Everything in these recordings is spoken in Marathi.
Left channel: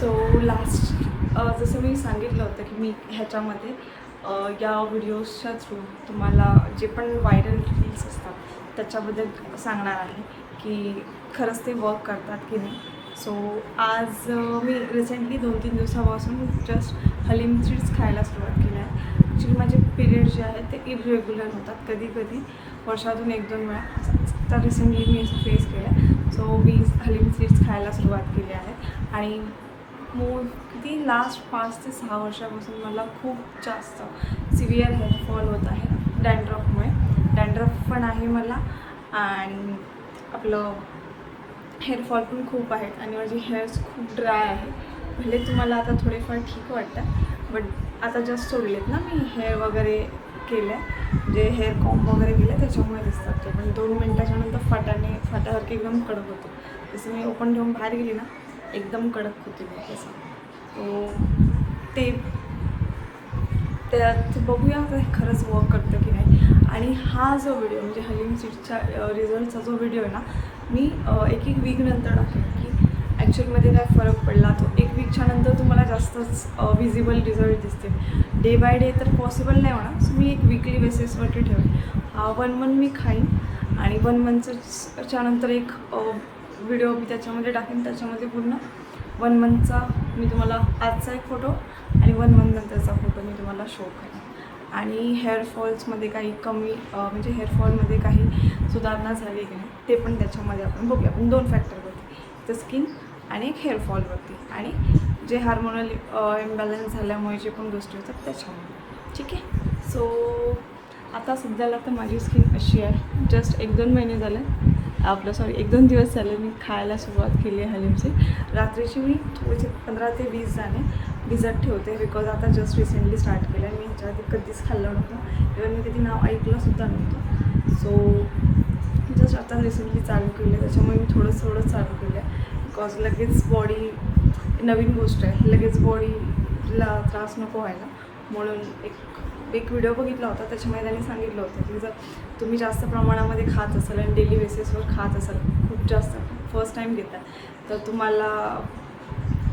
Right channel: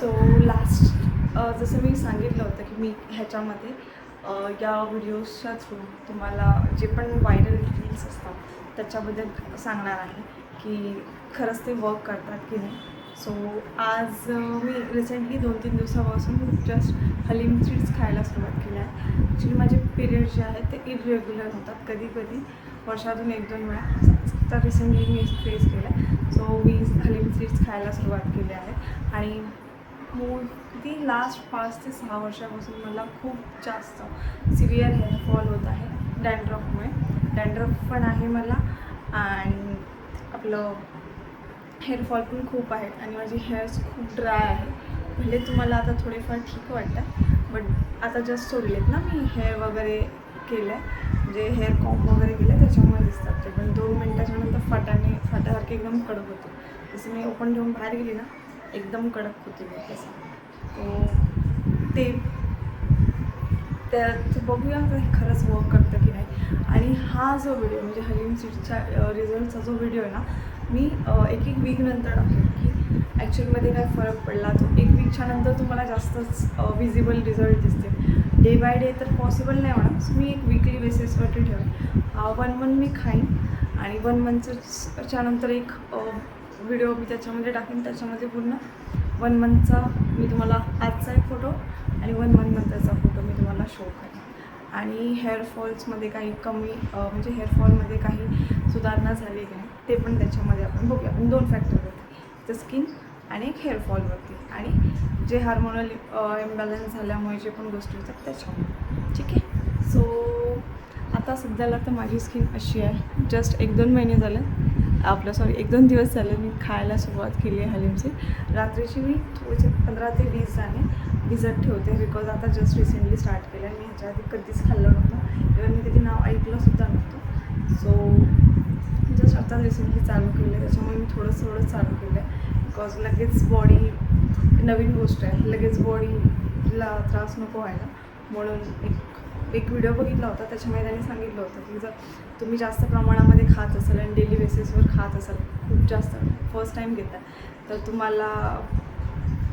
सो लास्ट जसं मी सांगितलं होतं की मी ह्याच्यामध्ये या व्हिडिओजच्या थ्रू तुम्हाला जे पण व्हायरल रील्स असतात त्याच्याबद्दल सांगणार आहे की खरंच ते वर्क करतात की नाही. सो आज मी रिसेंटली 2-3 दिवसापासून जस्ट हलीम सीड्स खायला सुरुवात केली आहे. ॲक्च्युली माझे पिरियड जे आहेत ते इरेग्युलर होतात, कधी कधी वर्षातून 1-2 वेळा. तर रिसेंटली मी फेस केलं आहे. सो मी हलीम सीड्स खायला सुरुवात केली आहे आणि किती लास्ट 5 ते 6 वर्षापासून मला खूप जास्त सिव्हिअर हेअरफॉल होत आहे डॅन्ड्रफमुळे. डॅन्ड्रफ पण आहे मला आणि आपलं हेअरफॉल पण खूप आहेत आणि माझी हेअर्स खूप ड्राय आहे. भले तुम्हाला आता थोडेफार ठीक वाटतं बट आता जस्ट सोडलेत ना मी हेअर वगैरे केलं आहे, म्हणजे हेअर कॉम्ब वगैरे केलं आहे त्याच्यामुळे दिसतात ते. पण 2 मिनटाच्या नंतर फाट्यासारखे एकदम कडक होते. जसं मी ओपन ठेवून बाहेर गेली ना एकदम कडक होते मी तसा. तो त्यात बघूया खरंच वर्क करतं की नाही. आणि हा जो व्हिडिओ म्हणजे हलीम सीड्सचा रिझल्टचा जो व्हिडिओ आहे ना मी एक वीक नंतर टाकेन की ॲक्च्युअलमध्ये काय फरक पडला. तो 1 वीकच्या नंतर तुम्हाला जास्तच विजिबल रिझल्ट दिसतील. डे बाय डे तर पॉसिबल नाही होणार. सो मी एक वीकली बेसिसवरती ठेवेन. 1 मंथ मी खाईन आणि 1 मंथच्या नंतर एक व्हिडिओ मी त्याच्यामध्ये टाकेन. त्याच्यामध्ये पूर्ण 1 मंथचा मी तुम्हाला आजचा एक फोटो आणि 1 मंथ नंतरचा फोटो मी तुम्हाला शो करेन. आणि हेअरफॉल्समध्ये काही कमी म्हणजे हेअरफॉलमध्ये काही सुधारणा झाली की नाही ते पण त्याच्यामध्ये आपण बघूया. आपण 2 फॅक्टरवरती, तर स्किन आणि एक हेअरफॉलवरती आणि जे हार्मोनल इम्बॅलन्स झाल्यामुळे जे पण गोष्टी होतात त्याच्यामुळे. ठीक आहे. सो आता सध्याला तर माझी स्किन अशी आहे. जस्ट 1-2 महिने झाले 1-2 दिवस झाले मी खायला सुरुवात केली आहे हलीम सीड. रात्रीची मी थोडेसे 15 ते 20 दाणे भिजत ठेवते बिकॉज आता जस्ट रिसेंटली स्टार्ट केलं आहे. मी ह्याच्या आधी कधीच खाल्लं नव्हतं, इव्हन मी कधी नाव ऐकलंसुद्धा नव्हतं. सो जस्ट आता रिसेंटली चालू केलं आहे, त्याच्यामुळे मी थोडं चालू केलं आहे बिकॉज लगेच बॉडी नवीन गोष्ट आहे, लगेच बॉडीला त्रास नको व्हायला म्हणून. एक व्हिडिओ बघितला होता त्याच्यामध्ये त्यांनी सांगितलं होतं की जर तुम्ही जास्त प्रमाणामध्ये खात असाल आणि डेली बेसिसवर खात असाल, खूप जास्त फर्स्ट टाईम घेता तर तुम्हाला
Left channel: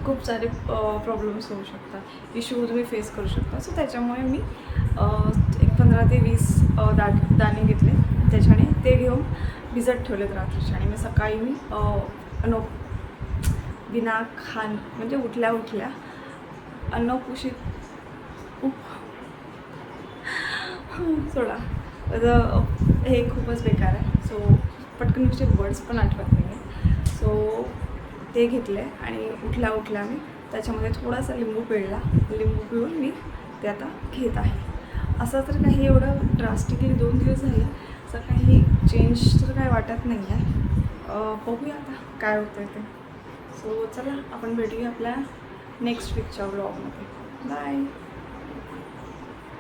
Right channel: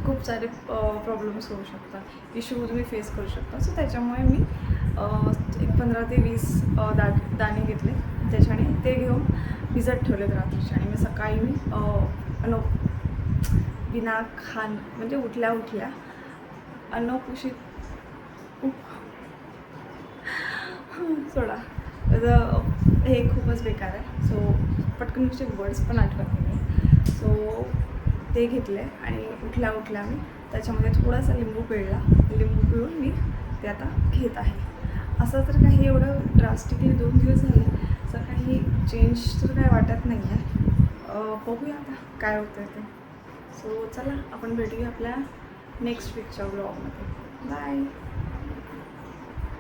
खूप सारे प्रॉब्लेम्स होऊ शकतात, इश्यू तुम्ही फेस करू शकता. सो त्याच्यामुळे मी एक 15 ते 20 दाणे घेतले, त्याच्याने ते घेऊन भिजत ठेवलेत रात्रीचे. आणि मी सकाळी मी बिना म्हणजे उठल्या अनकुशीत सोडा हे खूपच बेकार आहे. सो पटकन तुमचे वर्ड्स पण आठवत नाही. सो ते घेतले आणि उठल्या मी त्याच्यामध्ये थोडासा लिंबू पिळून मी ते आता घेत आहे. असं तर काही एवढं ड्रास्टिकली 2 दिवस झाले असं काही चेंज तर काही वाटत नाही आहे. बघूया आता काय होतं ते. सो चला आपण भेटूया आपल्या नेक्स्ट वीकच्या व्लॉगमध्ये. बाय.